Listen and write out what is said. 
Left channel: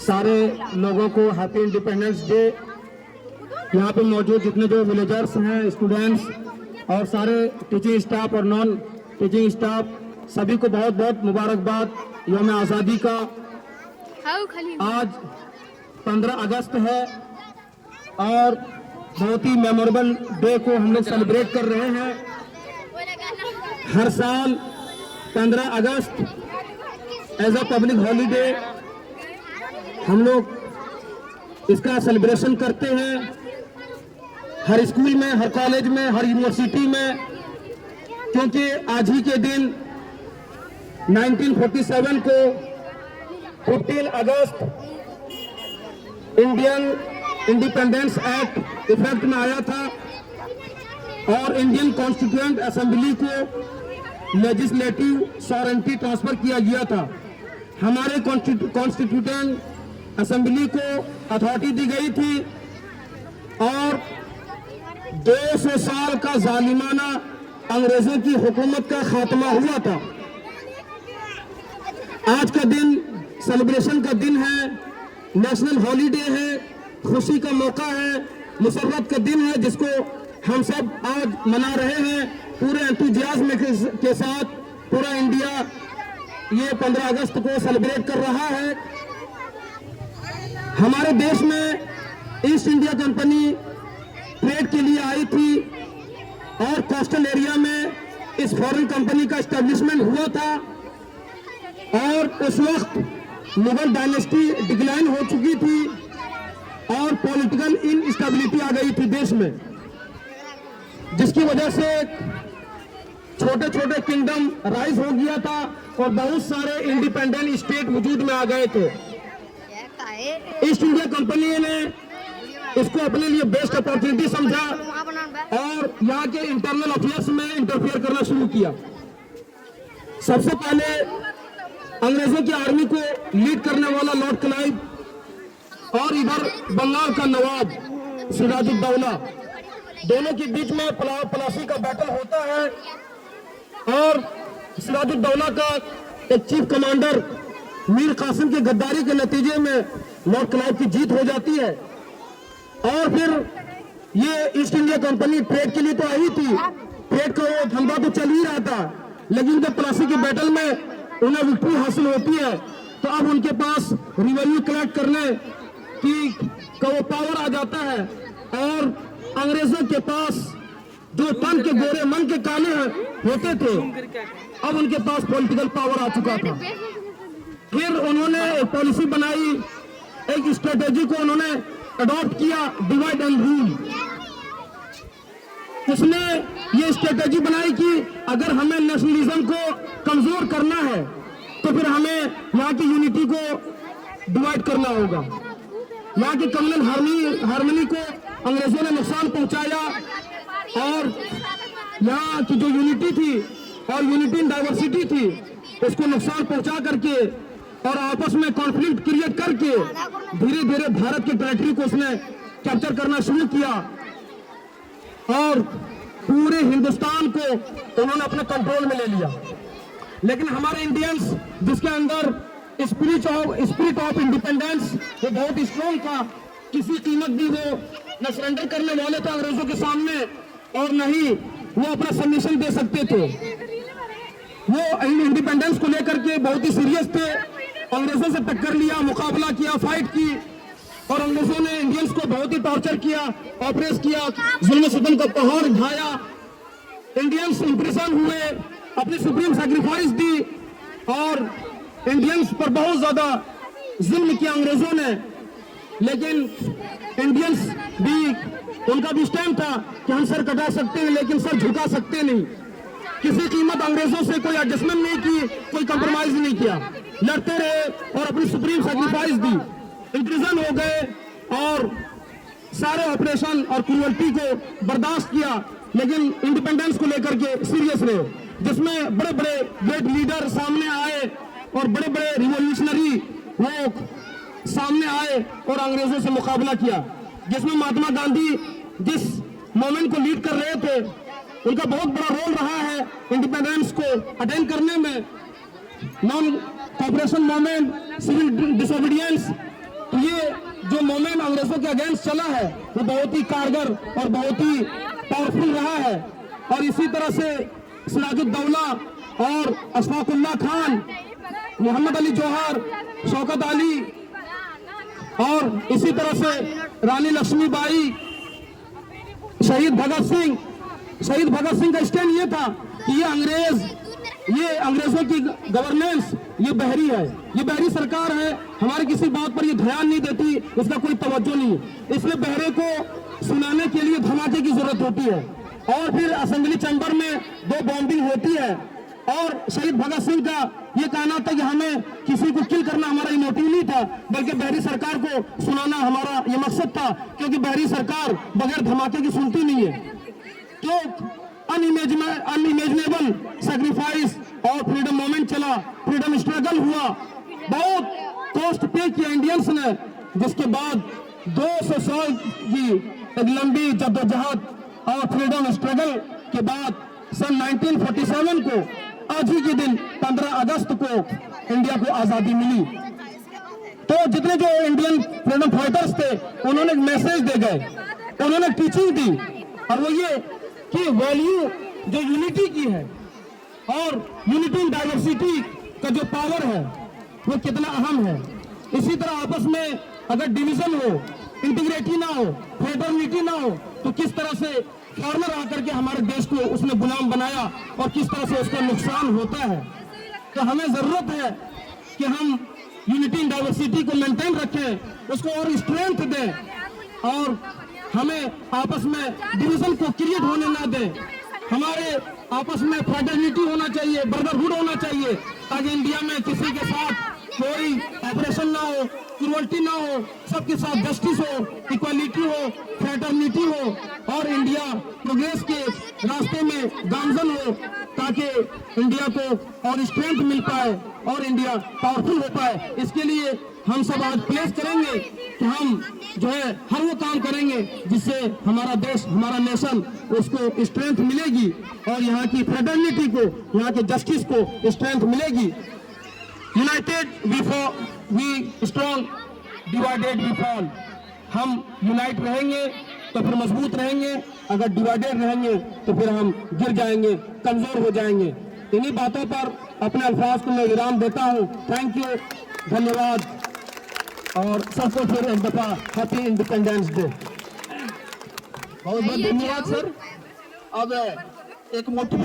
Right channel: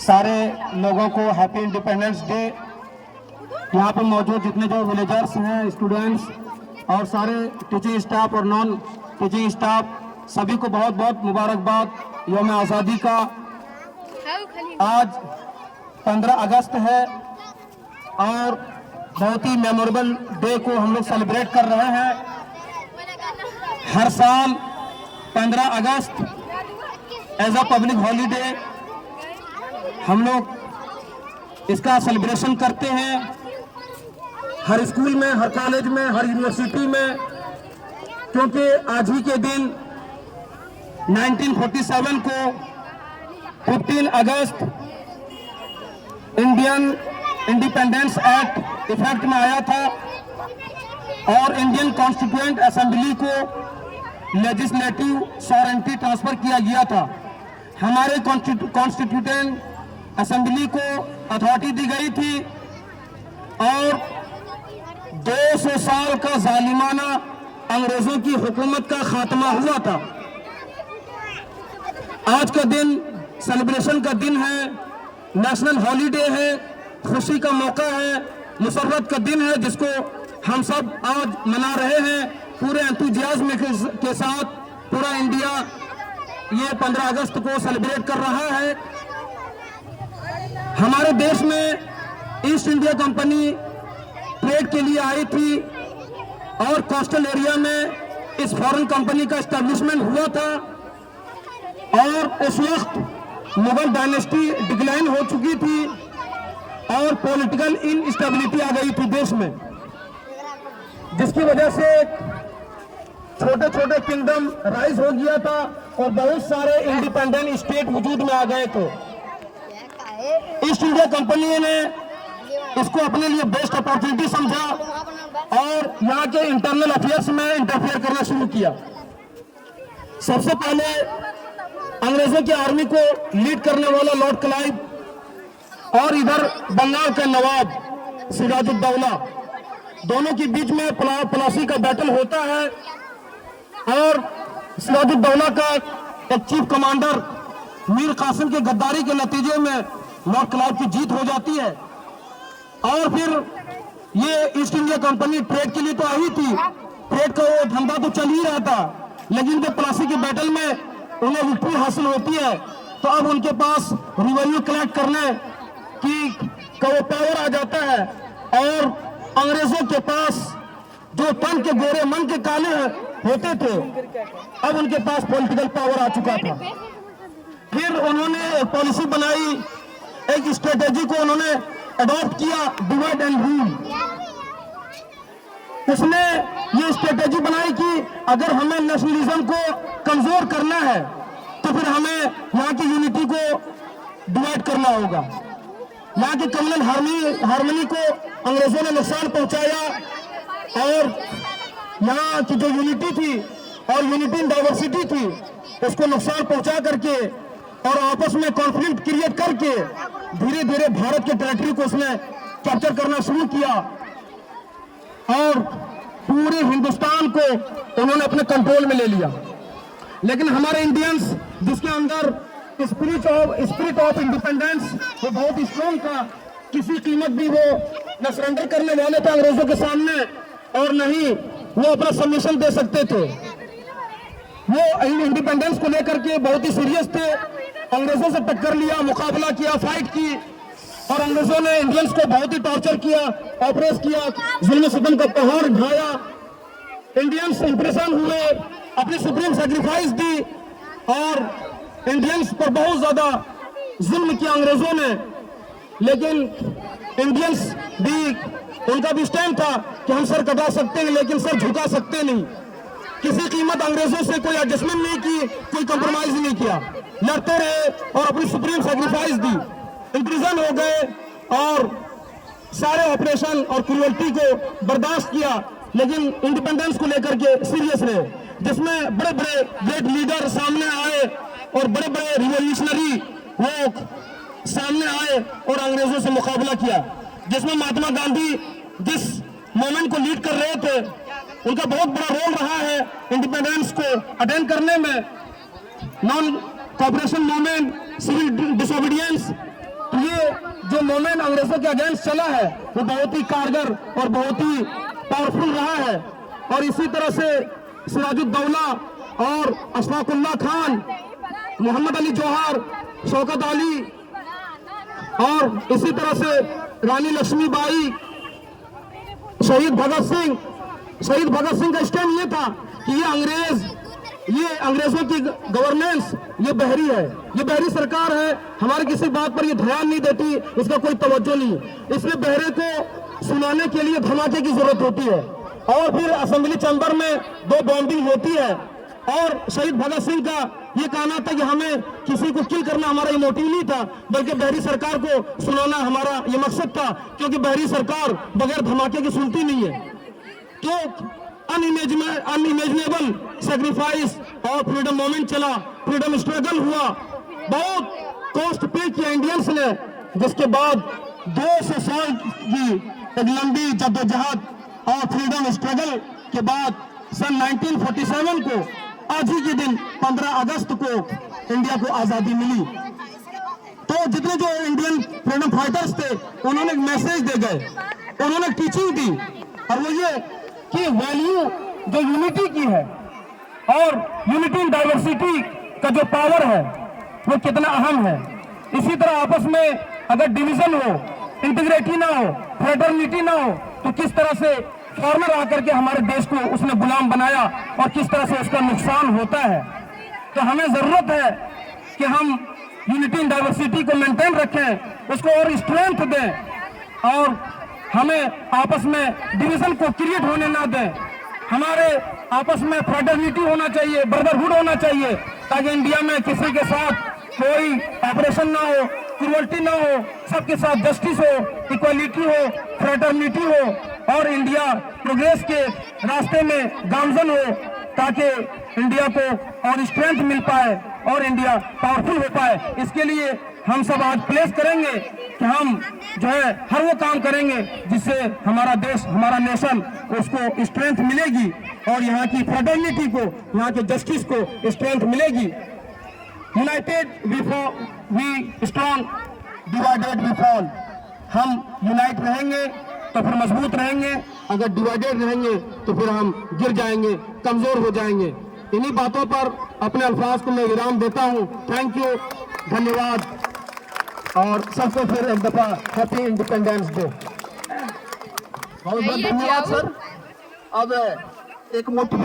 सारे लोगों को हैप्पी इंडिपेंडेंस डे। यहाँ पे मौजूद जितने जो विलेजर्स हैं, स्टूडेंट्स और सारे टीचिंग स्टाफ और नॉन टीचिंग स्टाफ, सभी को बहुत बहुत मुबारकबाद यौम आज़ादी का। आज 15 अगस्त है और बहुत ही मेमोरेबल डे को हम लोग सेलिब्रेट कर रहे हैं। हर साल 15 अगस्त एज अ पब्लिक हॉलीडे हम लोग इसका सेलिब्रेशन करते हैं। हर स्कूल में, हर कॉलेज में, हर यूनिवर्सिटी में, क्योंकि आज ही के दिन 1947 को 15 अगस्त इंडियन इंडिपेंडेंस एक्ट इफेक्ट में आया था और इंडियन कॉन्स्टिट्यूएंट असेंबली को लेजिस्लेटिव सॉवरेंटी ट्रांसफर किया गया था। हमारे कॉन्स्टिट्यूएंट असेंबली को अथॉरिटी दी गई थी और 200 साल का जालिमाना अंग्रेजों की हुकूमत का खात्मा हुआ था। आज का दिन सेलिब्रेशन का दिन है, नेशनल हॉलीडे है, खुशी का मौका है, मुसर्रत का दिन है जिसको हम सब आज मना रहे हैं पूरे एंथुजियाज्म के साथ। पूरा इंडिया ये 15 अगस्त को सेलिब्रेट कर रहा है। हमारे देश में ईस्ट इंडिया कंपनी ट्रेड के लिए आई थी और कोस्टल एरिया में इस फॉरेन कंपनी का एस्टेब्लिशमेंट हुआ था और उस वक्त मुगल डायनेस्टी डिक्लाइन हो चुकी थी और पॉलिटिकल इनस्टेबिलिटी आ गई थी देश में, जिसकी वजह से छोटे छोटे किंगडम राइज हो गया था और बहुत सारे इंडिपेंडेंट स्टेट वजूद में आ गए थे। ईस्ट इंडिया कंपनी ने इसको अपने लिए बेस्ट अपॉर्चुनिटी समझा और यहाँ के इंटरनल अफेयर्स में इंटरफेयर करना शुरू किया। सबसे पहले अंग्रेजों की आर्मी को लीड करने वाला लॉर्ड क्लाइव और इधर बंगाल का नवाब सिराजुद्दौला, दोनों के बीच में प्लासी का बैटल होता है और सिराजुद्दौला का एक चीफ कमांडर मीर कासिम की गद्दारी के नतीजे में लॉर्ड क्लाइव की जीत हो जाती है। और फिर ये ईस्ट इंडिया कंपनी ट्रेड के लिए तो आई थी, ट्रेड का वो धंधा तो चल ही रहा था, लेकिन जब प्लासी की बैटल में उन्हें विक्ट्री हासिल होती है तो अब उनके पास रिवेन्यू कलेक्ट करने की का वो पावर आ जाता है और अंग्रेजों के पास जो तन के गोरे मन के काले होते थे, अब उनके पास पॉलिटिकल पावर आ चुका था। फिर उन्होंने एक पॉलिसी बनाई, एक स्ट्रेटेजी को उन्होंने अडॉप्ट किया, डिवाइड एंड रूल। उसने ये स्ट्रेटेजी बनाई कि अगर हमें नेशनलिज्म को कमजोर करना है तो फिर हमें यहाँ की यूनिटी को डिवाइड करना होगा। यहाँ की कम्युनल हार्मनी को अंग्रेजों ने नुकसान पहुंचाया और यहाँ की जो यूनिटी थी और यूनिटी इन डाइवर्सिटी थी उसको नुकसान पहुंचा करके और आपस में कॉन्फ्लिक्ट क्रिएट करके धीरे धीरे भारत के टेरिटरी को उसने कैप्चर करना शुरू किया और पूरे हिंदुस्तान को उन्होंने अपने कंट्रोल में ले लिया। लेकिन हमारे इंडियंस, जिसके अंदर स्पिरिट ऑफ इंडिपेंडेंस वो बहुत स्ट्रॉन्ग था, किसी कीमत भी वो न सरेंडर करने वाले थे अंग्रेजों के सामने और नहीं वो अपना सबमिशन दे सकते थे। वो इंडिपेंडेंस को लेकर के बहुत ही सीरियस थे, अंग्रेजों से टक्कर लिया, मुकाबला किया, फाइट की और अंग्रेजों ने इंडियंस को बहुत ही टॉर्चर किया, ऑपरेस किया, जुल्म सितम का पहाड़ ढाया। इंडियंस इंप्रेशन हुए, अपनी सुप्रीम सैक्रिफाइस दी और इंडियंस पर बहुत ज्यादा जुल्म किया अंग्रेजों ने। लेकिन इंडियंस भी, उनका भी स्टैंड था कि हम सर कटा सकते हैं लेकिन सर झुका सकते नहीं। किसी कीमत अंग्रेजों से कोई एडजस्टमेंट नहीं की, कोई कंप्रोमाइज नहीं किया, लड़ते रहे और अपनी सुप्रीम सैक्रिफाइस दी, इंप्रिजन हो गए और सारे ऑपरेशन और क्रूअल्टी को बर्दाश्त किया, लेकिन इंडिपेंडेंस को लेकर के सीरियस रहे, जिसमें बड़े बड़े ग्रेट लीडर सामने आए और बड़े बड़े रिवॉल्यूशनरी वो सामने आए और अंग्रेजों से मुकाबला किया, जिसमें महात्मा गांधी जिस मूवमेंट को लीड कर रहे थे उनका बहुत बड़ा रोल रहा है इंडिपेंडेंस को अटेन करने में। Non cooperation movement, civil disobedience, ये जो मूवमेंट अंग्रेजों के अगेंस्ट चला है वो बहुत ही कारगर और बहुत ही पावरफुल रहा है। और इसी तरह से सिराजुद्दौला और अशफाकुल्लाह खान, मोहम्मद अली जौहर, शौकत अली और इसी तरह से रानी लक्ष्मीबाई, शहीद भगत सिंह का स्टैंड ये था कि ये अंग्रेजों की गवर्नेंस ये बहरी है, ये बहरी सरकार है, हमारे किसी बात पर ये ध्यान नहीं देती, इसका कोई तवज्जो नहीं है। इसलिए बहरे को सुनाने के लिए धमाके की जरूरत होती है। और फिर असेंबली चैम्बर में 2 बॉम्बिंग होती है और शहीद भगत सिंह का ये कहना था कि हमें किसी को किल करना हमारा ये मोटिव नहीं था, बल्कि बहरी सरकार को सुनाना हमारा ये मकसद था, क्योंकि बहरी सरकार बगैर धमाके की सुनती नहीं है। तो अनइमेजिनेबल सेक्रीफाइस और फ्रीडम मूवमेंट चला, फ्रीडम स्ट्रगल हुआ, बहुत कॉस्ट पे किया इंडियंस ने, जिसके बाद 200 साल की एक लंबी जद्दोजहद और फ्रीडम स्ट्रगल के बाद सन 1947 को आज ही के दिन 15 अगस्त को इंडिया को आजादी मिली। तो जितने जो इंडियन फ्रीडम फाइटर्स थे उन्होंने एक मैसेज दे गए, उन्होंने टीचिंग दी, और वो ये कि वैल्यू जो यूनिटी की है और यूनिटी इन डाइवर्सिटी का जो पावर है वो कितना अहम है। इसी तरह आपस में अगर डिवीजन हो, इंटीग्रिटी ना हो, फ्रेटर्निटी ना हो, तो किस तरह से फॉरेनर आकर के हमारे देश को उसने गुलाम बनाया और किस तरह से उसका नुकसान होता है। तो हमें जरूरत है कि हम यूनिटी इन डाइवर्सिटी को मेंटेन रखें, उसको और स्ट्रेंथ दें और हमें आपस में डिवीजन को क्रिएट होने ना दें। हमारे आपस में फ्रेटर्निटी होना चाहिए, ब्रदरहुड होना चाहिए, ताकि इंडिया में किसी के साथ कोई ऑपरेशन ना हो, क्रूअल्टी ना हो, सबके साथ जस्टिस हो, इक्वालिटी हो, फ्रेटर्निटी हो और इंडिया प्रोग्रेस के रास्ते में गामजन हो, ताकि इंडिया को और स्ट्रेंथ मिल पाए और इंडिया पावरफुल हो पाए। इसके लिए हम सब आज प्लेस करेंगे कि हम जो है हर वो काम करेंगे जिससे हमारा देश, हमारा नेशन उसको स्ट्रेंथ मिलेगी और यहाँ की फ्रेटर्निटी को, यहाँ के जस्टिस को स्ट्रेंथ मिलेगी। United we strong, divided we fall. हम यूनाइट रहेंगे तो फिर मजबूत रहेंगे, अगर डिवाइडेड रहेंगे तो फिर हम गिर जाएंगे, कमजोर हो जाएंगे। इन्हीं बातों पर अपने अल्फाज को मैं विराम देता हूँ। थैंक यू, धन्यवाद और सबको फिर एक दफा हैप्पी इंडिपेंडेंस डे। बहुत बहुत धन्यवाद सर। अब एक मोटी